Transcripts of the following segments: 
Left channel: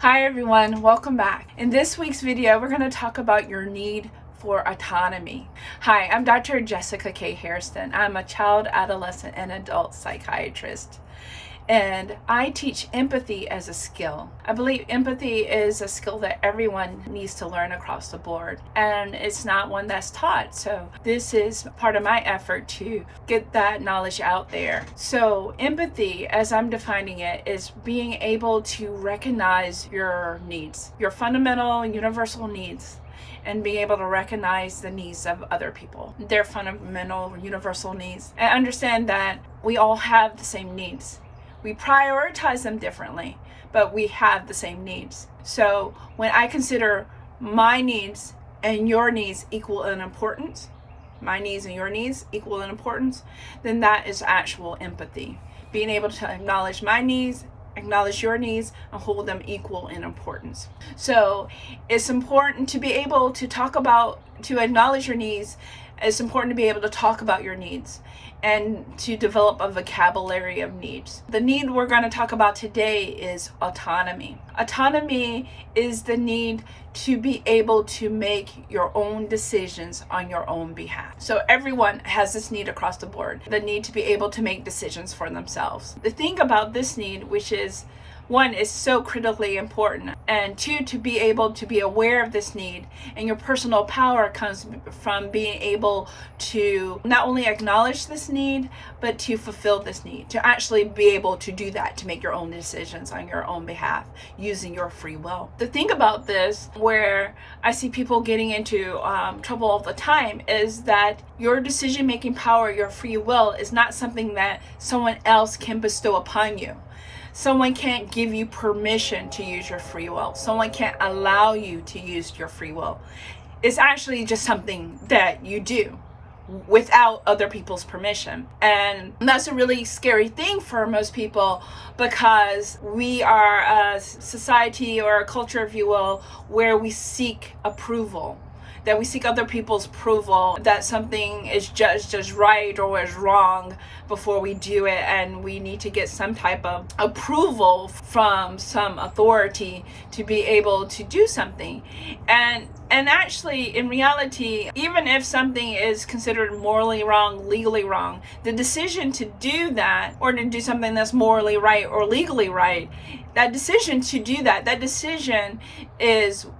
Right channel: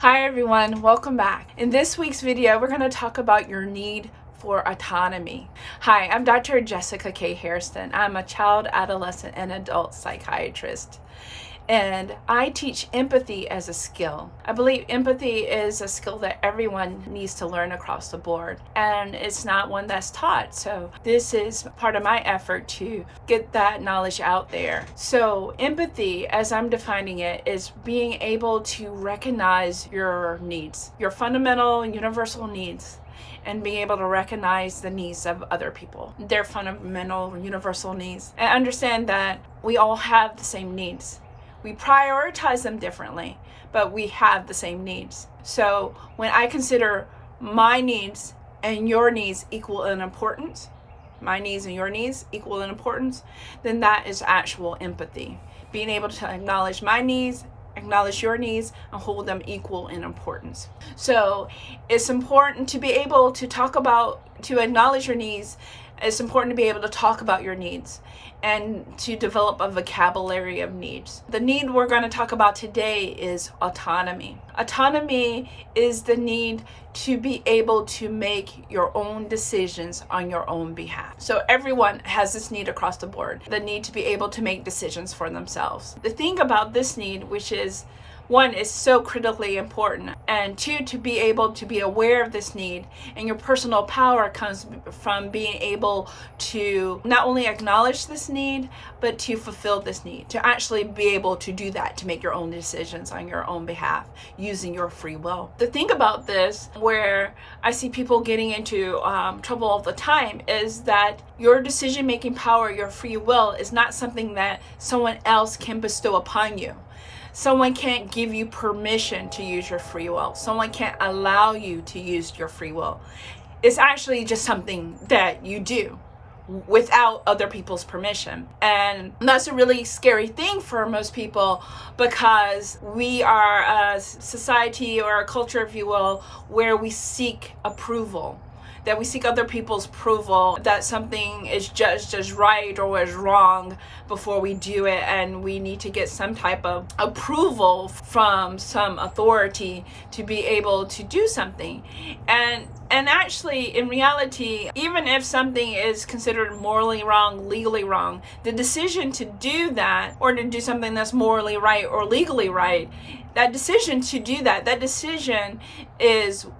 Hi everyone, welcome back. In this week's video, we're going to talk about your need for autonomy. Hi, I'm Dr. Jessica K. Hairston. I'm a child, adolescent, and adult psychiatrist. And I teach empathy as a skill. I believe empathy is a skill that everyone needs to learn across the board, and it's not one that's taught. So this is part of my effort to get that knowledge out there. So empathy, as I'm defining it, is being able to recognize your needs, your fundamental and universal needs, and being able to recognize the needs of other people, their fundamental universal needs, and understand that we all have the same needs. We prioritize them differently, but we have the same needs. So when I consider my needs and your needs equal in importance, my needs and your needs equal in importance, then that is actual empathy. Being able to acknowledge my needs, acknowledge your needs, and hold them equal in importance. So it's important to be able to to acknowledge your needs. It's important to be able to talk about your needs and to develop a vocabulary of needs. The need we're going to talk about today is autonomy. Autonomy is the need to be able to make your own decisions on your own behalf. So everyone has this need across the board, the need to be able to make decisions for themselves. The thing about this need, which is one, is so critically important, and two, to be able to be aware of this need, and your personal power comes from being able to not only acknowledge this need, but to fulfill this need, to actually be able to do that, to make your own decisions on your own behalf using your free will. The thing about this, where I see people getting into trouble all the time, is that your decision-making power, your free will, is not something that someone else can bestow upon you. Someone can't give you permission to use your free will. Someone can't allow you to use your free will. It's actually just something that you do without other people's permission. And that's a really scary thing for most people, because we are a society or a culture, if you will, where we seek approval. That we seek other people's approval, that something is judged as right or as wrong before we do it, and we need to get some type of approval from some authority to be able to do something. And actually, in reality, even if something is considered morally wrong, legally wrong, the decision to do that, or to do something that's morally right or legally right, that decision to do that decision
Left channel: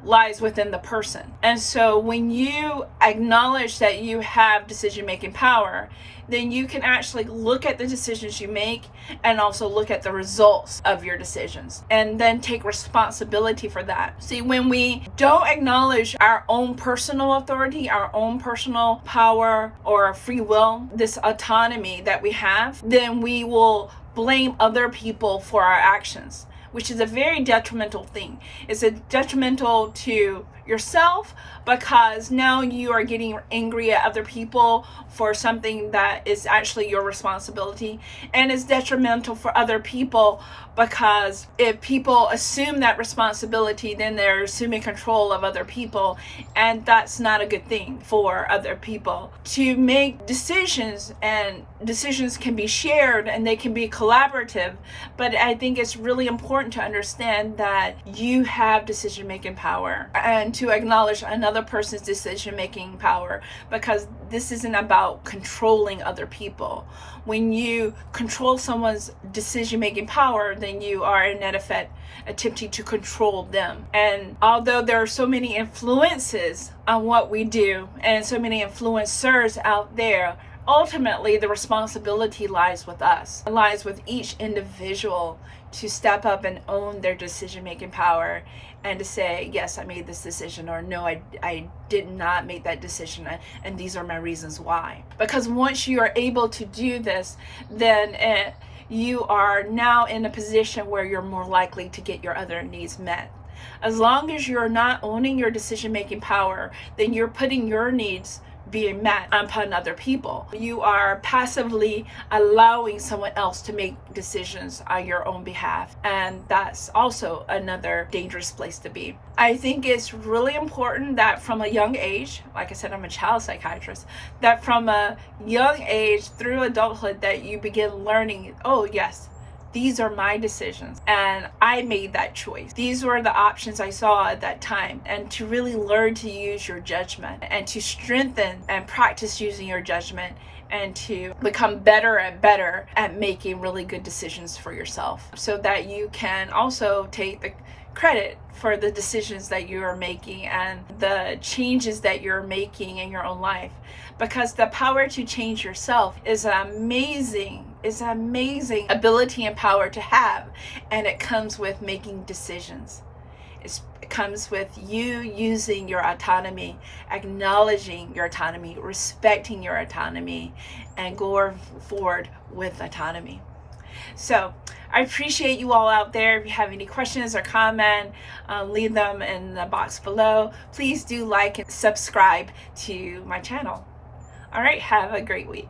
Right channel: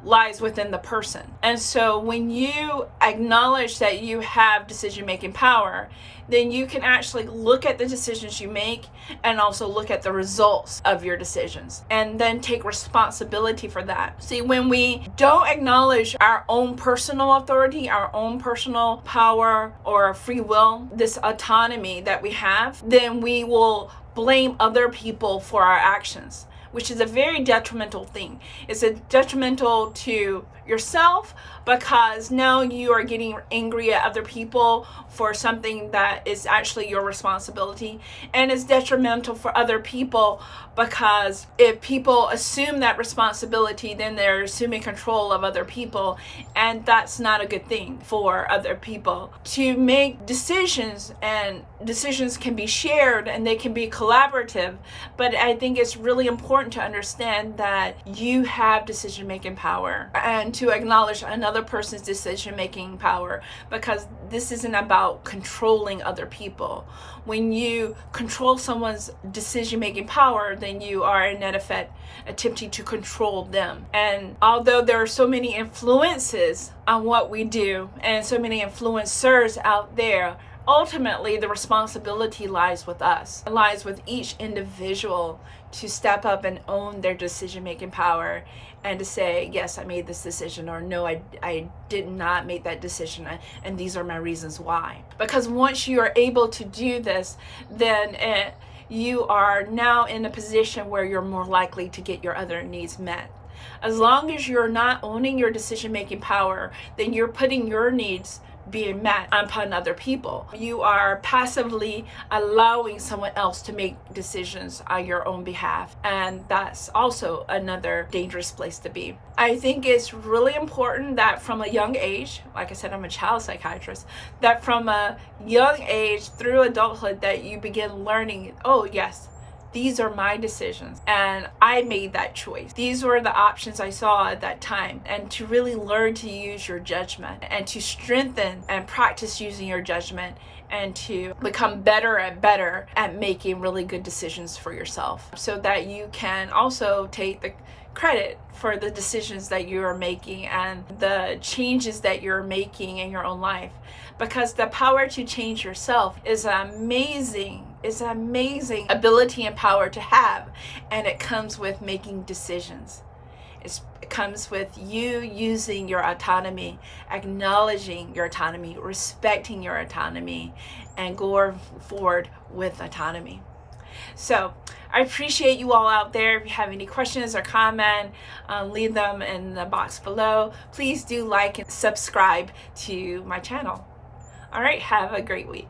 lies within the person. And so when you acknowledge that you have decision-making power, then you can actually look at the decisions you make and also look at the results of your decisions, and then take responsibility for that. See, when we don't acknowledge our own personal authority, our own personal power or free will, this autonomy that we have, then we will blame other people for our actions, which is a very detrimental thing. It's a detrimental to yourself, because now you are getting angry at other people for something that is actually your responsibility, and it's detrimental for other people, because if people assume that responsibility, then they're assuming control of other people, and that's not a good thing for other people. To make decisions, and decisions can be shared and they can be collaborative, but I think it's really important to understand that you have decision-making power, and to acknowledge another person's decision-making power, because this isn't about controlling other people. When you control someone's decision-making power, then you are in effect attempting to control them. And although there are so many influences on what we do, and so many influencers out there, ultimately the responsibility lies with us. It lies with each individual to step up and own their decision-making power, and to say, yes, I made this decision, or no, I did not make that decision, and these are my reasons why. Because once you are able to do this, then you are now in a position where you're more likely to get your other needs met. As long as you're not owning your decision-making power, then you're putting your needs being met upon other people. You are passively allowing someone else to make decisions on your own behalf, and that's also another dangerous place to be. I think it's really important that from a young age, like I said, I'm a child psychiatrist, that from a young age through adulthood that you begin learning, oh yes, These are my decisions, and I made that choice. These were the options I saw at that time. And to really learn to use your judgment and to strengthen and practice using your judgment and to become better and better at making really good decisions for yourself, so that you can also take the credit for the decisions that you are making and the changes that you're making in your own life. Because the power to change yourself is an amazing ability and power to have, and it comes with making decisions. It comes with you using your autonomy, acknowledging your autonomy, respecting your autonomy, and going forward with autonomy. So I appreciate you all out there. If you have any questions or comment, leave them in the box below. Please do like and subscribe to my channel. All right, have a great week.